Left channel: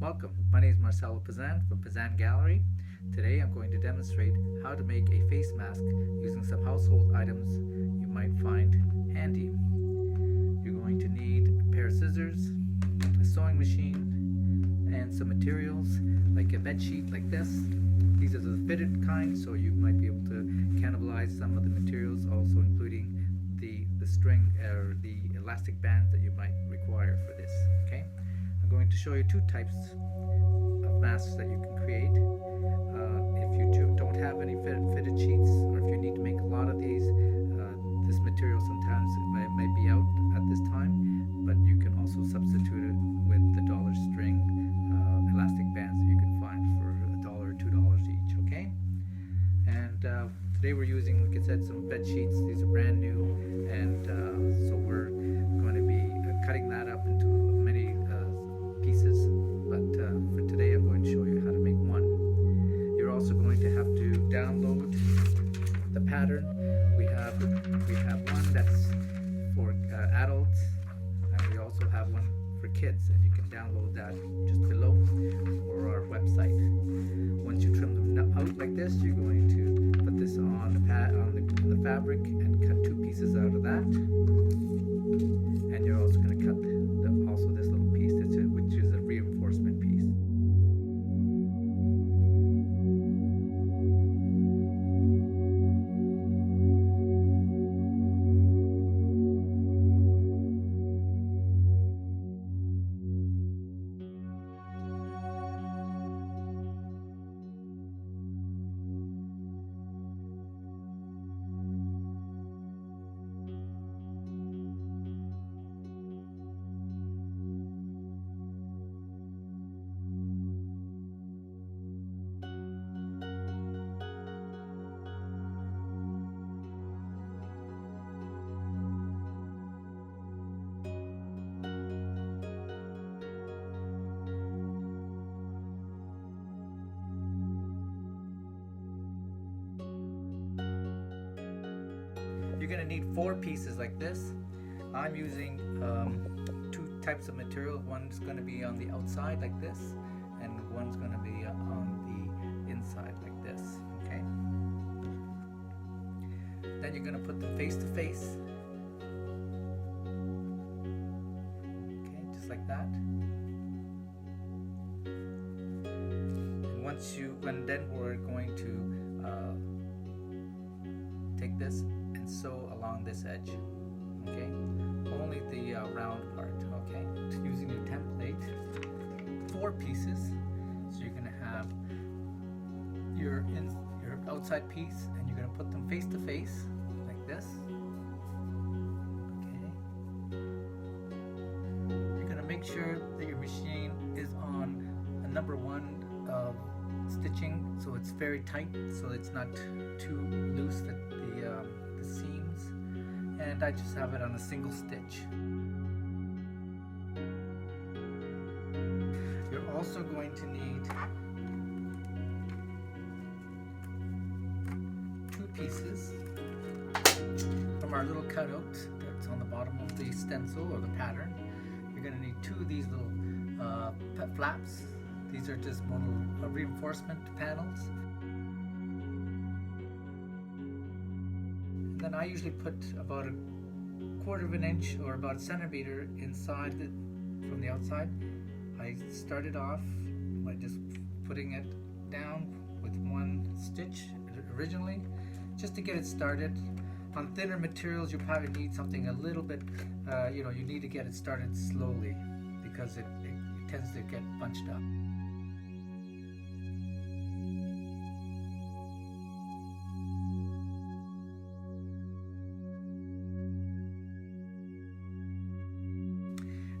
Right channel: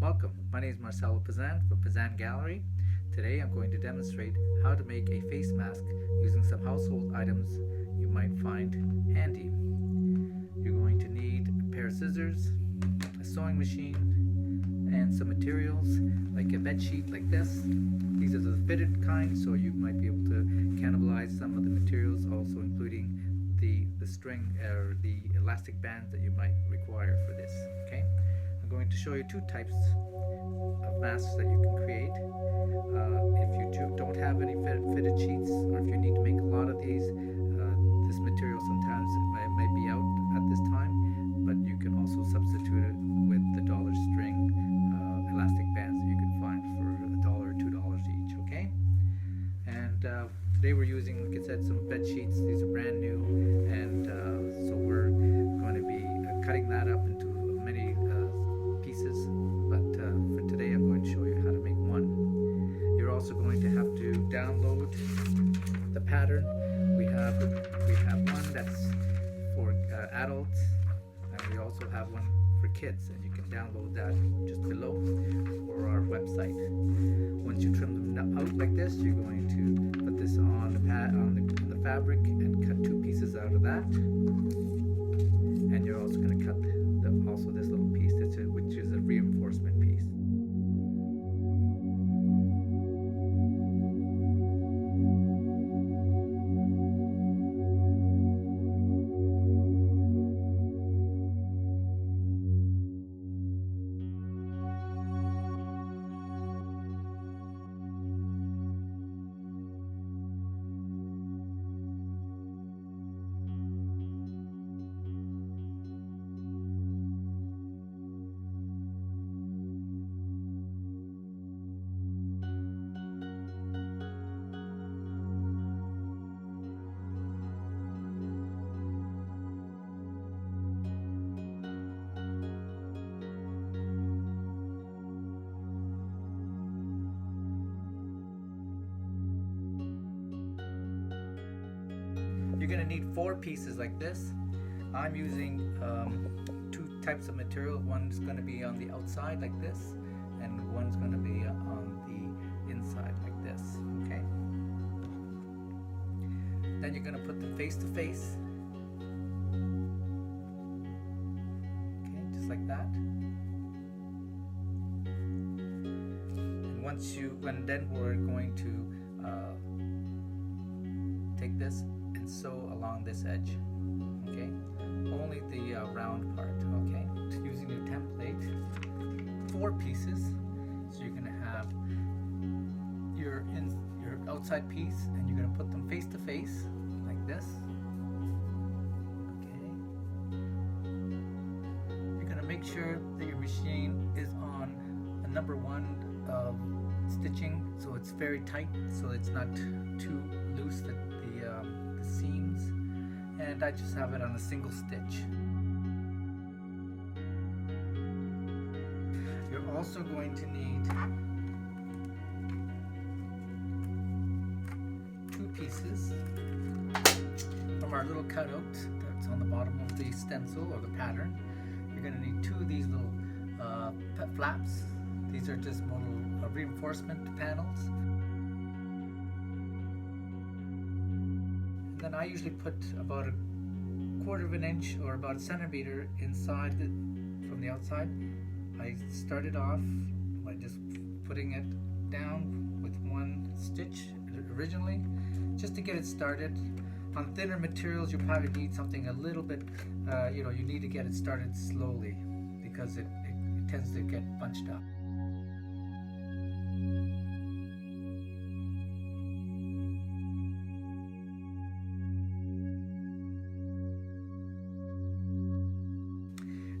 Welcome, my name is Marcelo Pazan from Pazan Gallery. Today I'm going to demonstrate how to make a face mask using some household items you might find handy. You're going to need a pair of scissors, a sewing machine, and some materials like a bed sheet like this. These are the fitted kind, so you might be able to cannibalize some of the materials, also including the string or the elastic bands that you might require for this. Okay, I'm going to show you two types of masks that you can create. If you don't have any fitted sheets, or if you need to make a lot of these, this material sometimes might be out at this time, but you can also substitute it with the dollar string elastic bands that you can find for $1 or $2 each. Okay, and today we're using, like I said, some bed sheets. These are brand new, and so we're going to be cutting that up into many pieces. But for today, I'm going to show you how to make one. You're also going to have to download the pattern. We have one that's for adults, and we also have one for kids, and you can download that just below or our website. Once you trim them out like this, you're going to put this on the fabric and cut two pieces out of that. And you're also going to cut also this little piece, which is a reinforcement piece. You're going to need 4 pieces like this. I'm using 2 types of material. One's going to be on the outside like this, and one's going to be on the inside like this. Okay. Then you're going to put them face to face. Okay, just like that. And then we're going to take this and sew along this edge. Okay, only the round part. Okay, using your template, 4 pieces. So you're gonna have your outside piece, and you're gonna put them face to face like this. Okay, you're gonna make sure that your machine is on a number 1 stitching, so it's very tight, so it's not too loose that the seams, and I just have it on a single stitch. You're also going to need 2 pieces from our little cutout that's on the bottom of the stencil or the pattern. You're going to need 2 of these little flaps. These are just little reinforcement panels. And then I usually put about a 1/4 of an inch or about a centimeter inside from the outside. I started off by just putting it down with 1 stitch originally, just to get it started. On thinner materials, you probably need something a little bit, you need to get it started slowly, because it tends to get bunched up.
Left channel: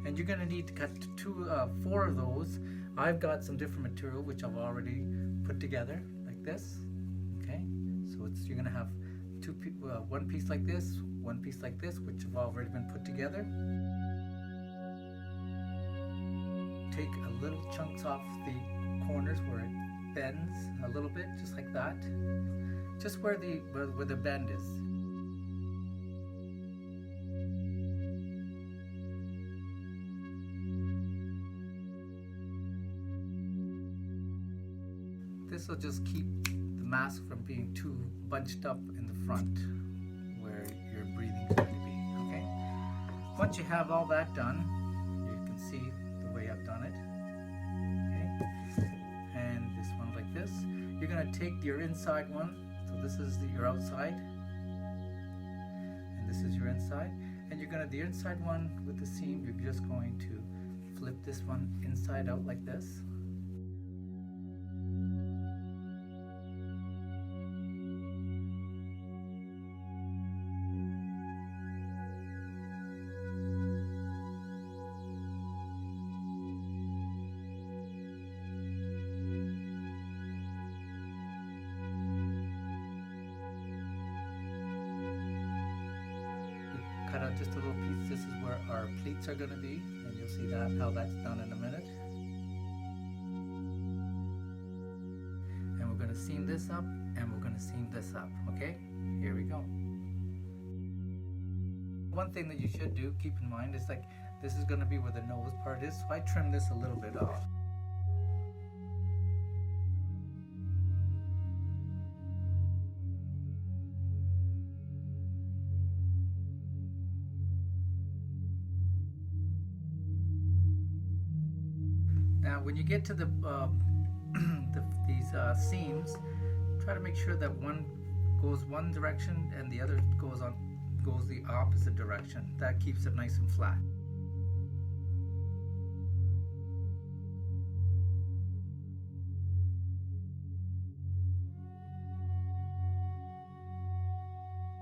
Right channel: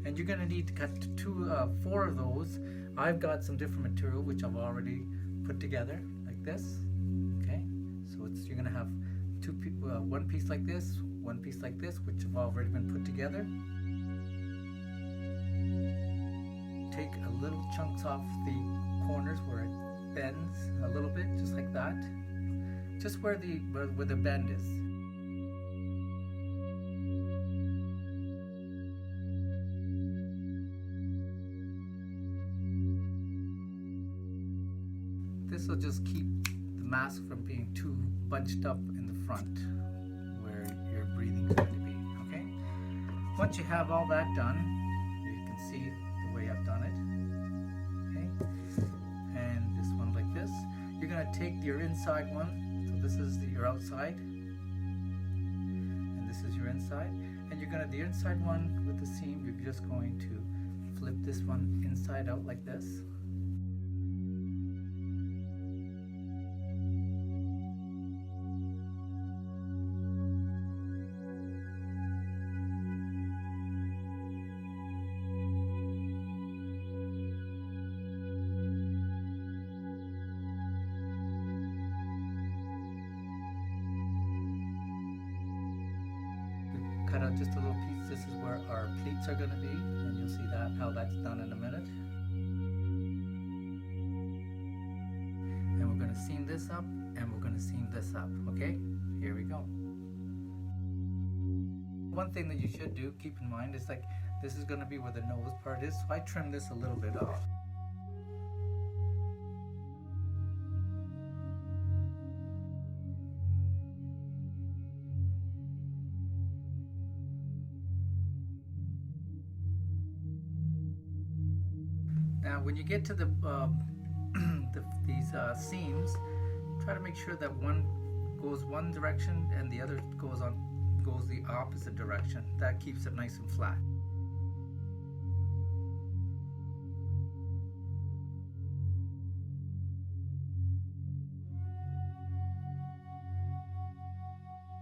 And you're going to need to cut 4 of those. I've got some different material which I've already put together like this. Okay, so you're going to have 1 piece like this, 1 piece like this, which have already been put together. Take a little chunks off the corners where it bends a little bit, just like that, just where the bend is. This will just keep the mask from being too bunched up in the front where your breathing is going to be. Okay. Once you have all that done, you can see the way I've done it. Okay. And this one like this. You're going to take your inside one. So this is your outside, and this is your inside. And you're going to, the inside one with the seam, you're just going to flip this one inside out like this. Cut out just a little piece. This is where our pleats are going to be, and you'll see that how that's done in a minute. And we're going to seam this up, and we're going to seam this up. Okay, here we go. One thing that you should do, keep in mind, is like this is going to be where the nose part is, so I trim this a little bit off. Now, when you get to these seams, try to make sure that one goes one direction and the other goes the opposite direction. That keeps it nice and flat.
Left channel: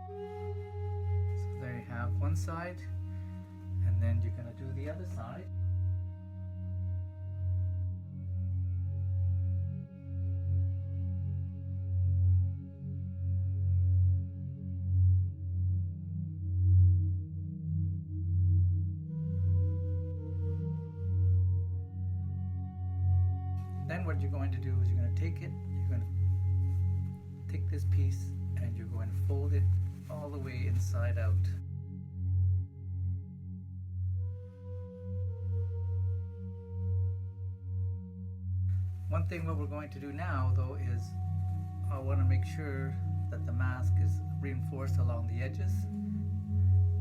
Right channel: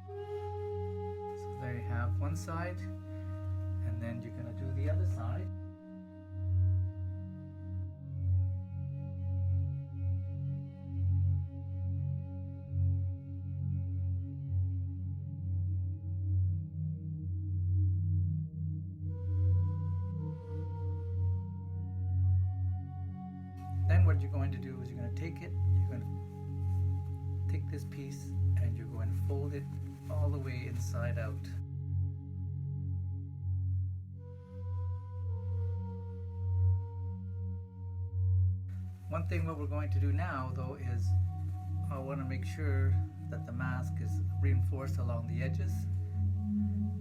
So there you have one side, and then you're going to do the other side. Then what you're going to do is you're going to take it, you're going to take this piece and you're going to fold it all the way inside out. One thing what we're going to do now though is I want to make sure that the mask is reinforced along the edges.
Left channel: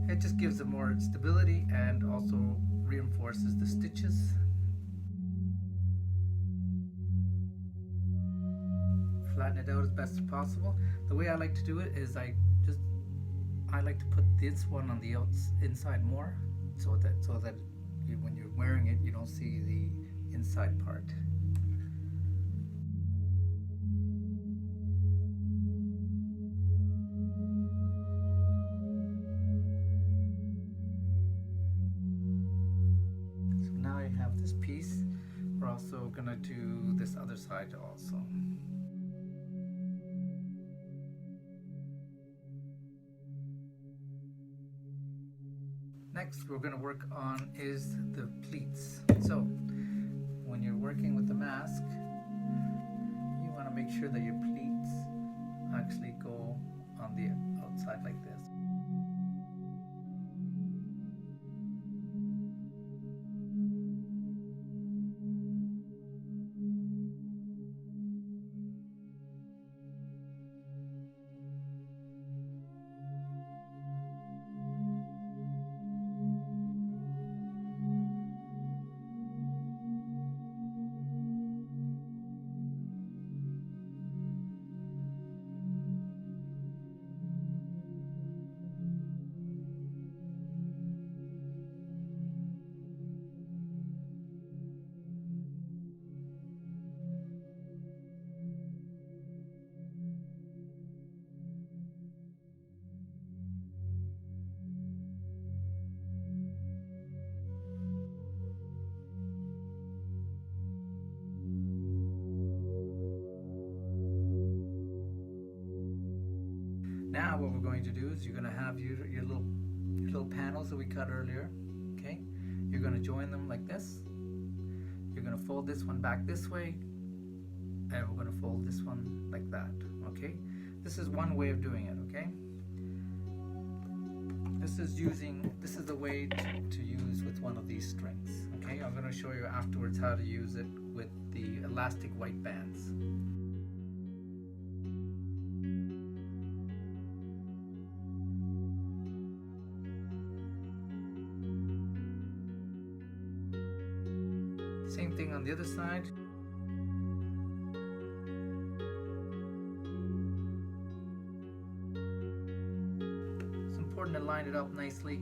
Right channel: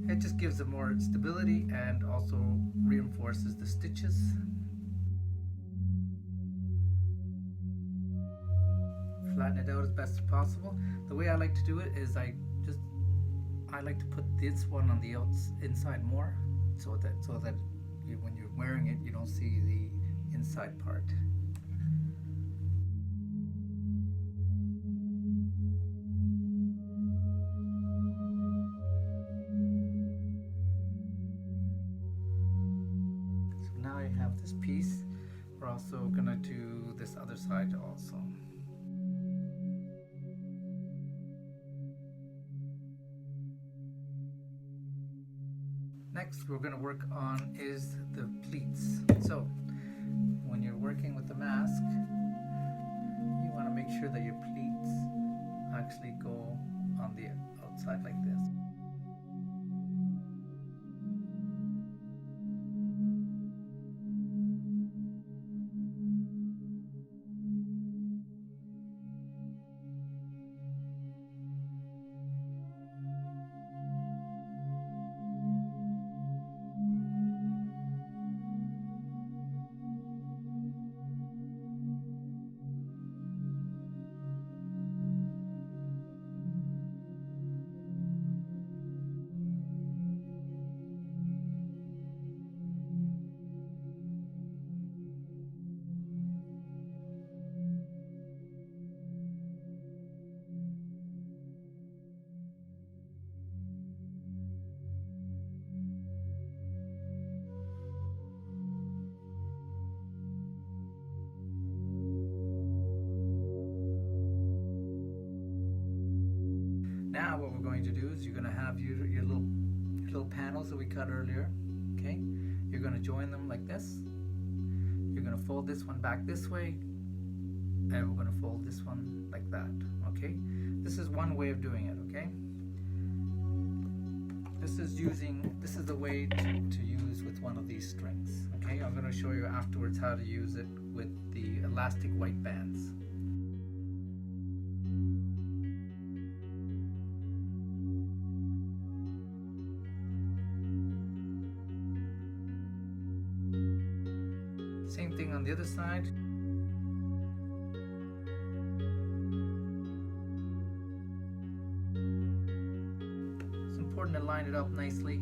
It just gives it more stability and also reinforces the stitches. Flatten it out as best as possible. The way I like to do it is I like to put this one on the inside more, so that when you're wearing it, you don't see the inside part. So now you have this piece. We're also gonna do this other side also. Next we're going to work on is the pleats. So when you're working with the mask, you want to make sure that your pleats actually go on the outside like this. Now what we're going to do is you're going to have your little panels that we cut earlier. Okay, you're going to join them like this. You're going to fold this one back this way, and we're going to fold this one like that. Okay, this is one way of doing it. Okay, this is the way to use with one of these strings. Okay, I'm going to show you afterwards how to use it with the elastic white bands. Same thing on the other side. It's important to line it up nicely.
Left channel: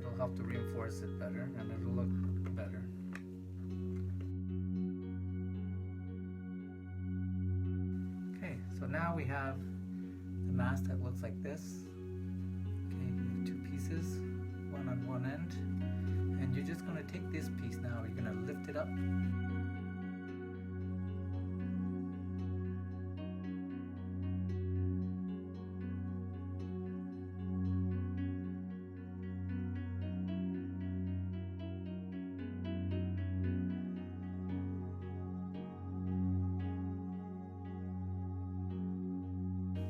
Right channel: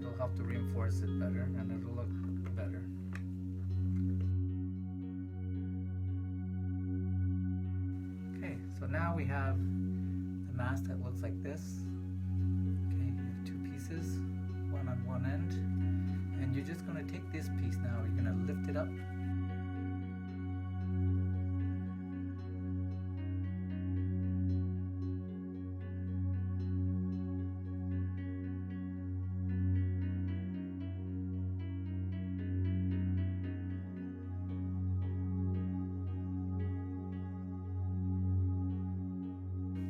It'll help to reinforce it better and it'll look better. Okay, so now we have the mask that looks like this. Okay, you have two pieces, one on one end, and you're just going to take this piece now, you're going to lift it up.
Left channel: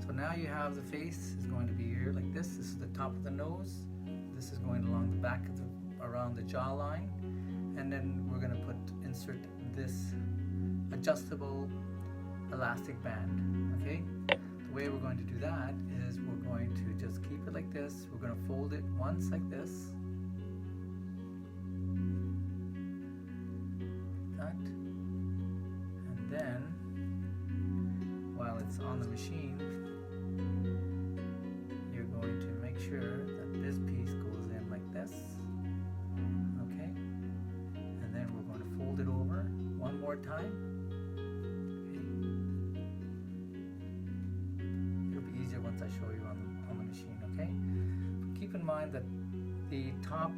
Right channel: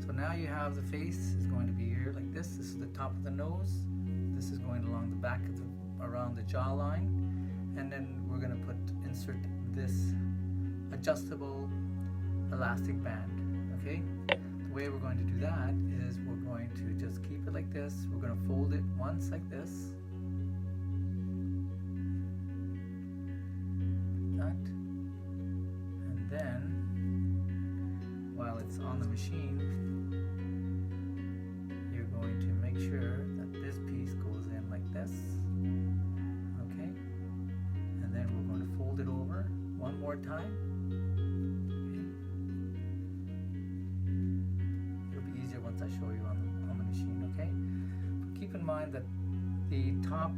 So now you have the face is going to be here like this. This is the top of the nose. This is going along the back of around the jawline, and then we're going to insert this adjustable elastic band. Okay, the way we're going to do that is we're going to just keep it like this. We're going to fold it once like this, that, and then while it's on the machine, you're going to make sure that this piece goes in like this. Okay, and then we're going to fold it over one more time. Okay. It'll be easier once I show you on the machine. Okay, but keep in mind that the top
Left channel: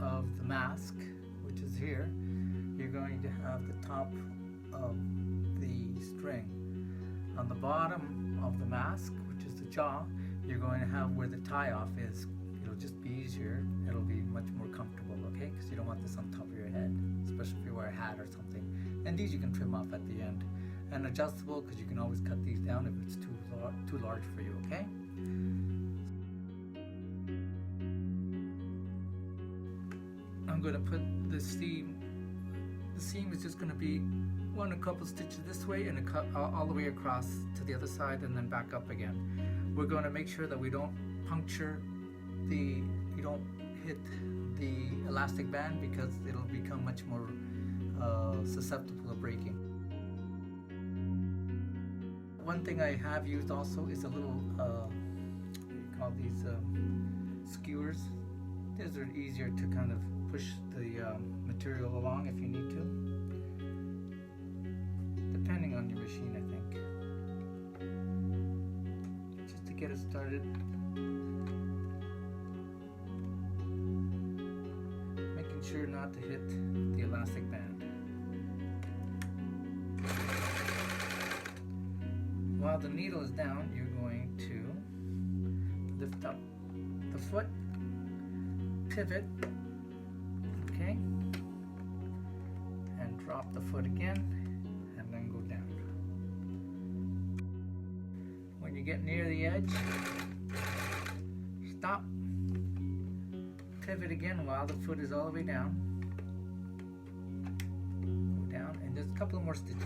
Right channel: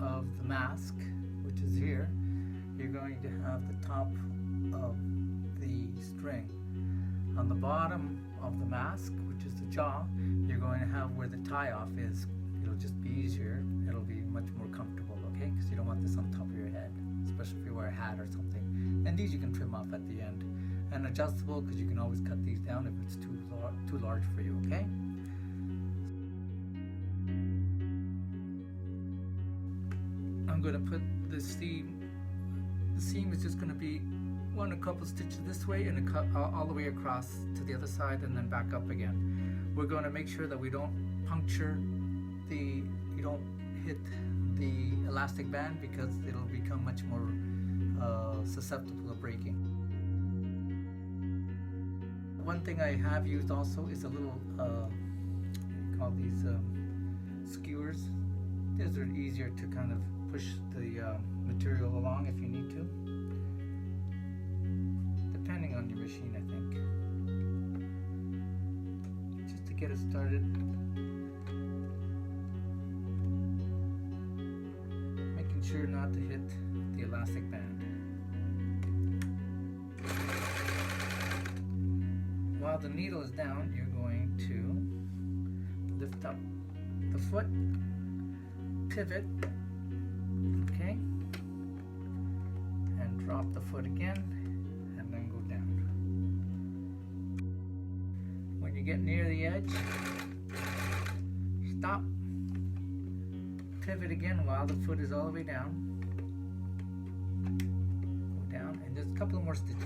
of the mask, which is here, you're going to have the top of the string. On the bottom of the mask, which is the jaw, you're going to have where the tie-off is. It'll just be easier. It'll be much more comfortable, okay? Because you don't want this on top of your head, especially if you wear a hat or something. And these you can trim off at the end. And adjustable, because you can always cut these down if it's too large for you, okay? I'm going to put the seam. The seam is just going to be a couple stitches this way and all the way across to the other side and then back up again. We're going to make sure that we don't puncture you don't hit the elastic band, because it'll become much more susceptible to breaking. One thing I have used also is a little what do you call these skewers. These are easier to kind of push the material along if you need to, depending on your machine, I think. Just to get it started, making sure not to hit the elastic band. While the needle is down, you're going to lift up the foot, pivot, okay, and drop the foot again, and then go down. When you get near the edge, stop, pivot again while the foot is all the way down, go down, and just a couple more stitches,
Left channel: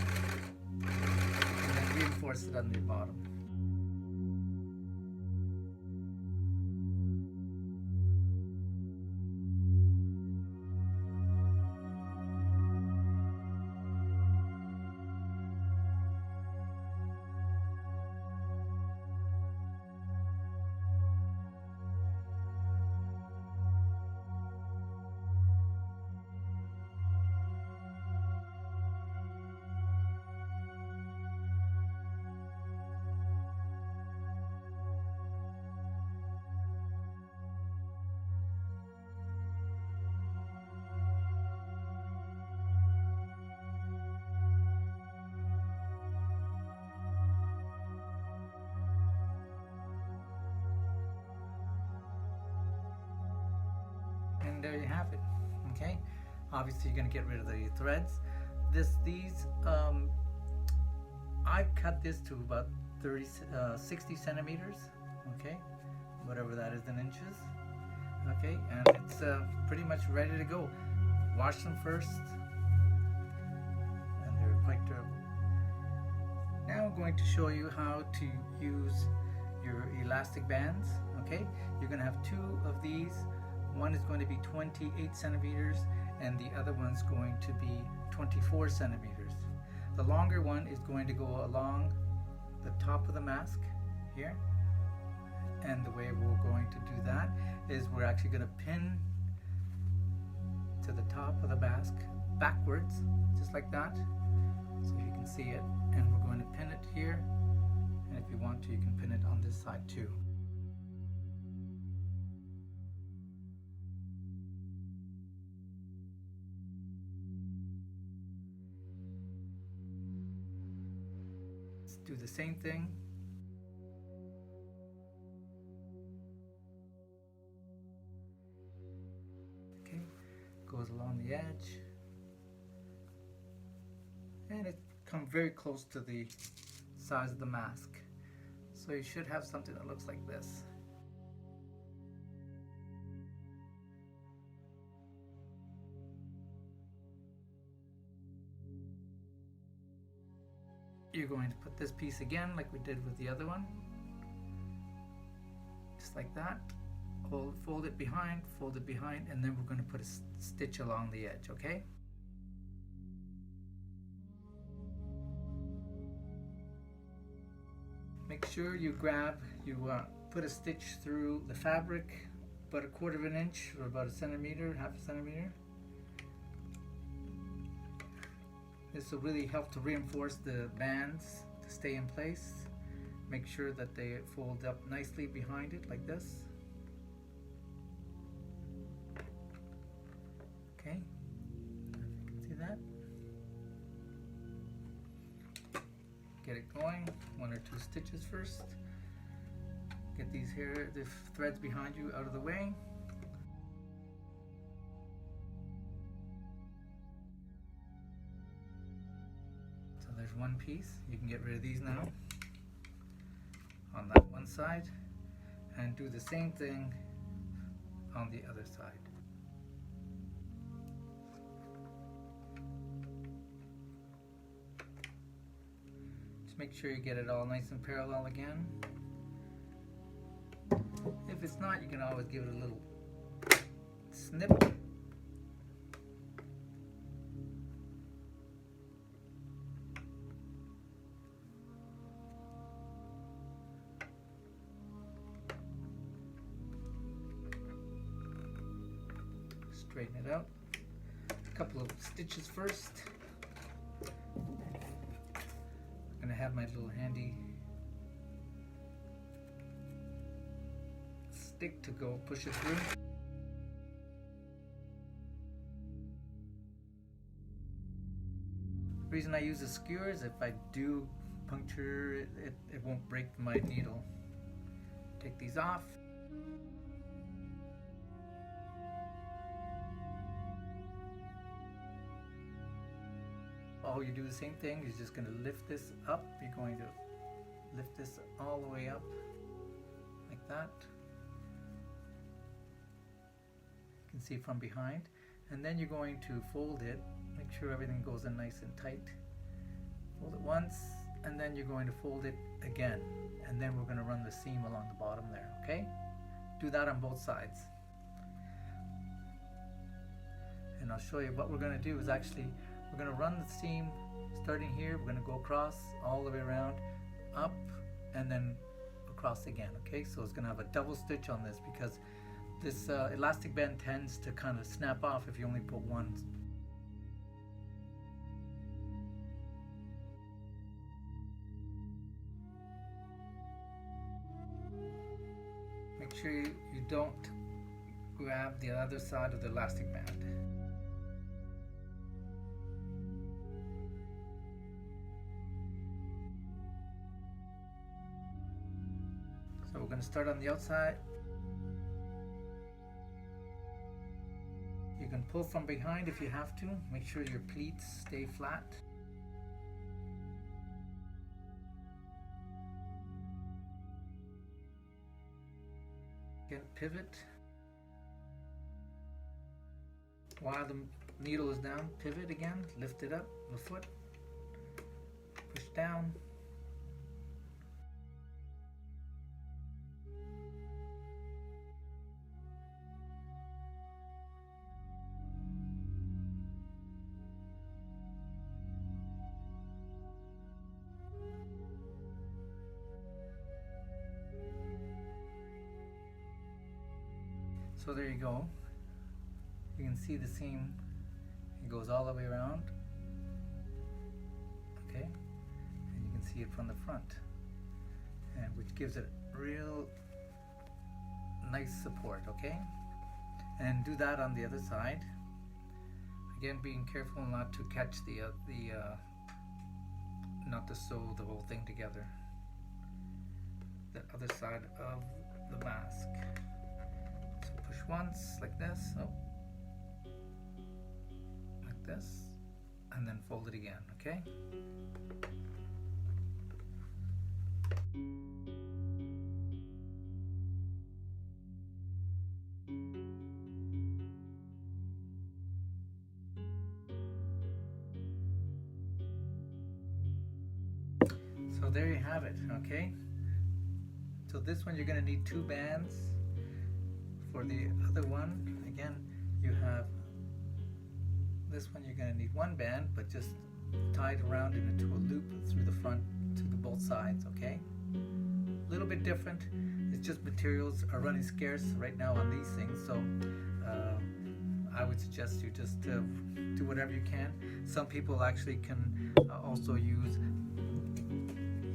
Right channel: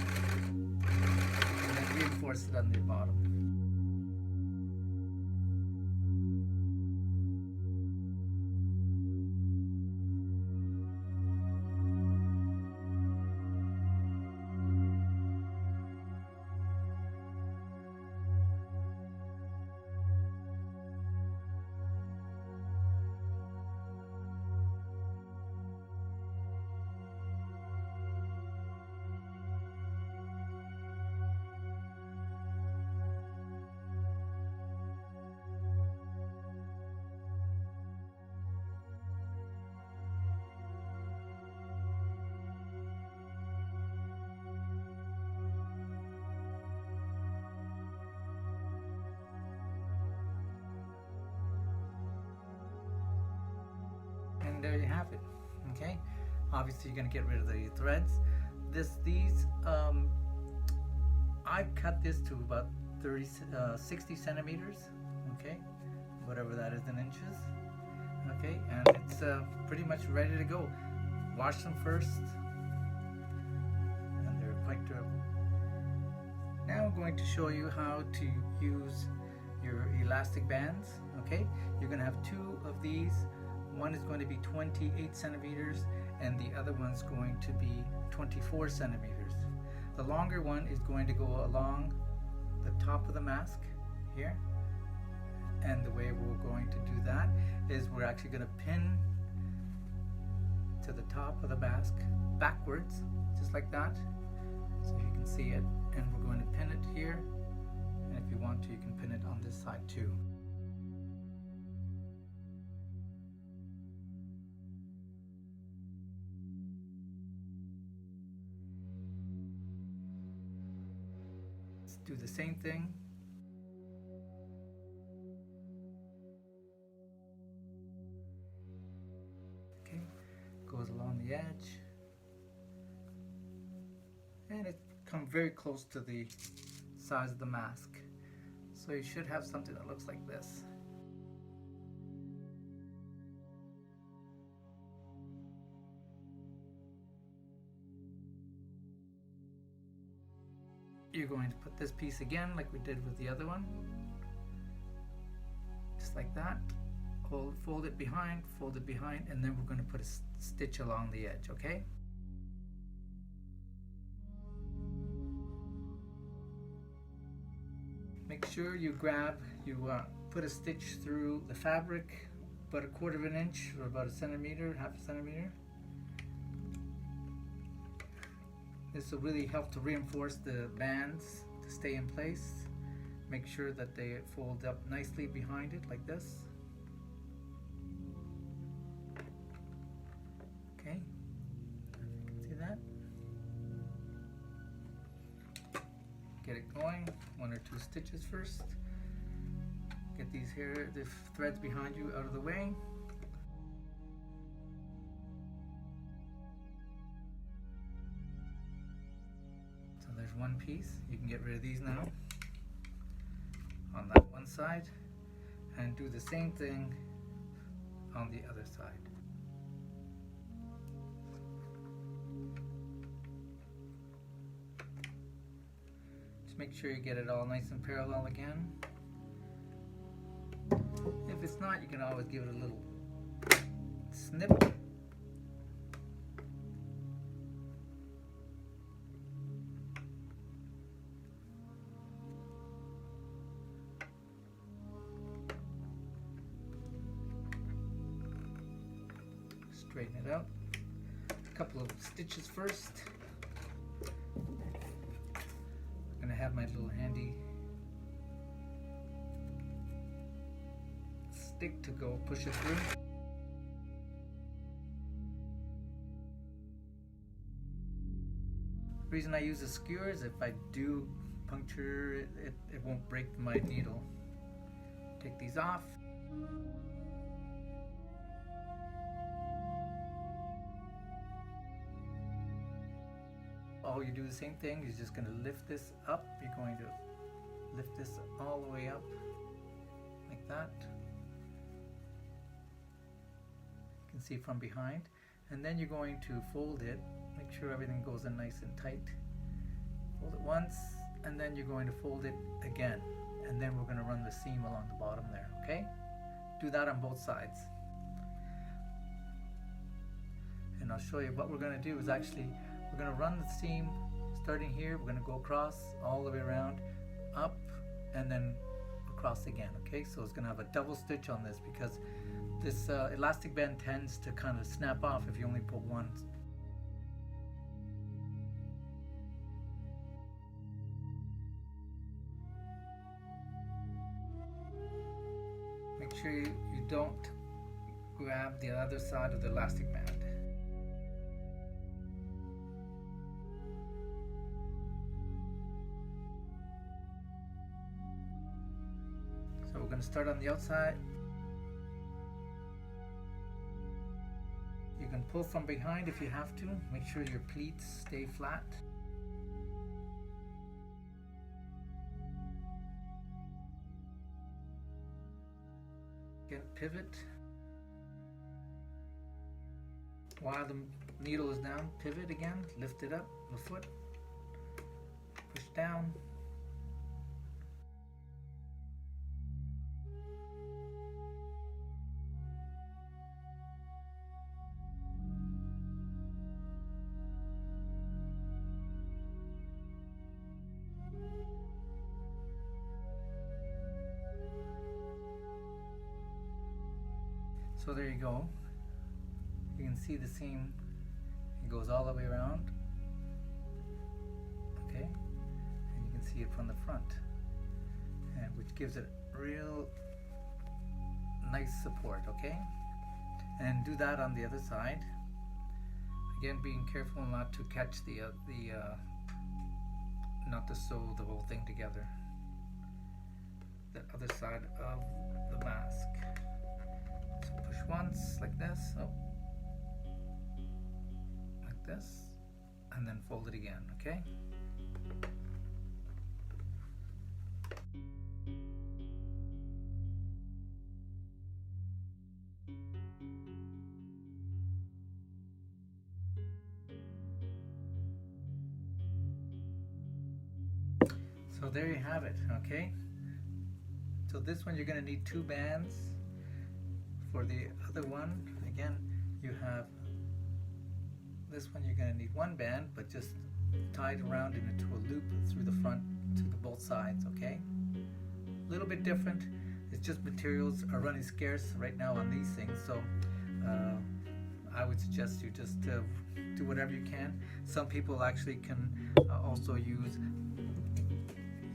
and then reinforce it on the bottom. And there you have it. Okay, obviously you're going to get rid of the threads. I've cut this to about 60 centimeters, okay, whatever that is in inches, okay, and it's pretty much ready to go. Wash them first, and they're quite durable. Now I'm going to show you how to use your elastic bands. Okay, you're going to have two of these. One is going to be 28 centimeters and the other one's going to be 24 centimeters. The longer one is going to go along the top of the mask here, and the way we're going to do that is we're actually going to pin to the top of the mask backwards, just like that, so you can see it, and we're going to pin it here, and if you want to, you can pin it on this side too. Let's do the same thing. Okay, goes along the edge, and it comes very close to the size of the mask. So you should have something that looks like this. You're going to put this piece again like we did with the other one, just like that. Fold it behind, and then we're going to put a stitch along the edge, okay? Make sure you put a stitch through the fabric about 1/4 of an inch or about 1 centimeter, 1/2 centimeter. This will really help to reinforce the bands to stay in place. Make sure that they fold up nicely behind it like this. Okay, see that? Get it going, 1 or 2 stitches first. Get the threads behind you out of the way. So there's one piece. You can get rid of these now on that one side, and do the same thing on the other side. Just make sure you get it all nice and parallel again. If it's not, you can always give it a little snip. Straighten it out. A couple of stitches first. I'm gonna have my little handy stick to go push it through. The reason I use a skewer is if I do puncture it, it won't break my needle. Take these off. All you do the same thing, you're just going to lift this up. You're going to lift this all the way up like that. You can see from behind, and then you're going to fold it. Make sure everything goes in nice and tight. Fold it once, and then you're going to fold it again, and then we're going to run the seam along the bottom there, okay? Do that on both sides. And I'll show you what we're going to do is actually we're going to run the seam starting here. We're going to go across all the way around, up, and then across again, okay? So it's going to have a double stitch on this because this elastic band tends to kind of snap off if you only put one. Make sure you don't grab the other side of the elastic band. So we're going to start on the outside. You can pull from behind if you have to. Make sure your pleats stay flat. Again, pivot. While the needle is down, pivot again, lift it up, the foot, push down. So there you go. You can see the seam, it goes all the way around, okay, and you can see it from the front, and which gives it real nice support, okay. And do that on the other side. Again, being careful not to catch not to sew the whole thing together. The other side of the mask. So push once like this, oh, like this, and then fold it again, okay? So there you have it, okay? So this one you're going to need 2 bands. For the other one, again, you have this one, you're going to need 1 band, but just tied around into a loop through the front to the both sides, okay? A little bit different. It's just materials are running scarce right now on these things, so I would suggest you just do whatever you can. Some people actually can also use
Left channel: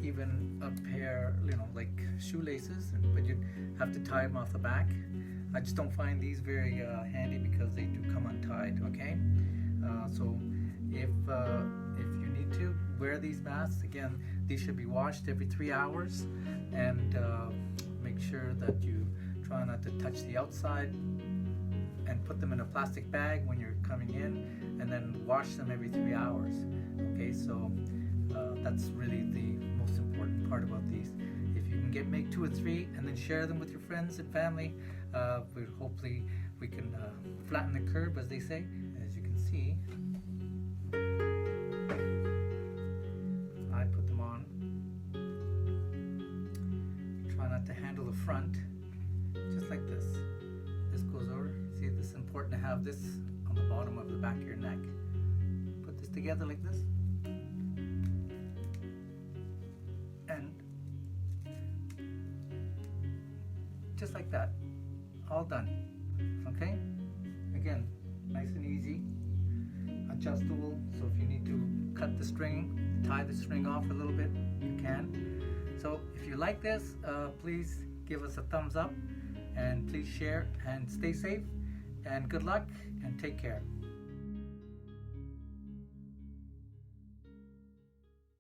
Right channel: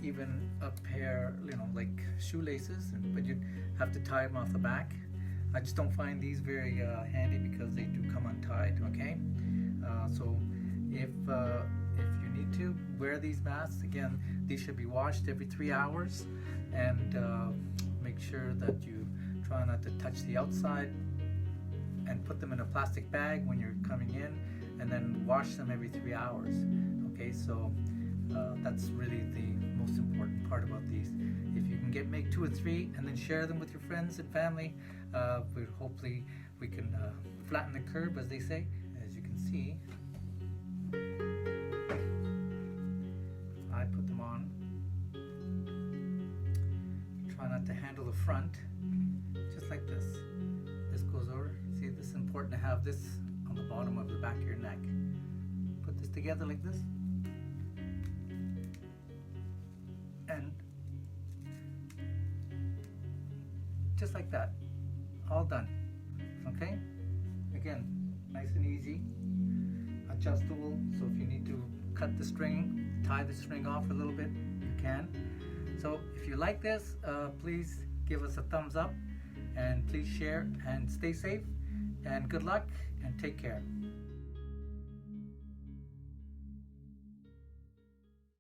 even a pair, like shoelaces, but you'd have to tie them off the back. I just don't find these very handy because they do come untied, okay? So if you need to wear these masks, again, these should be washed every 3 hours, and make sure that you try not to touch the outside, and put them in a plastic bag when you're coming in, and then wash them every 3 hours, okay? So that's really the most important part about these. If you can make 2 or 3 and then share them with your friends and family, hopefully we can flatten the curve, as they say. As you can see, I put them on. Try not to handle the front, just like this. This goes over. See, this is important to have this on the bottom of the back of your neck. Put this together like this, and just like that, all done, okay? Again, nice and easy, adjustable, so if you need to cut the string, tie the string off a little bit, you can. So if you like this, please give us a thumbs up, and please share, and stay safe, and good luck, and take care.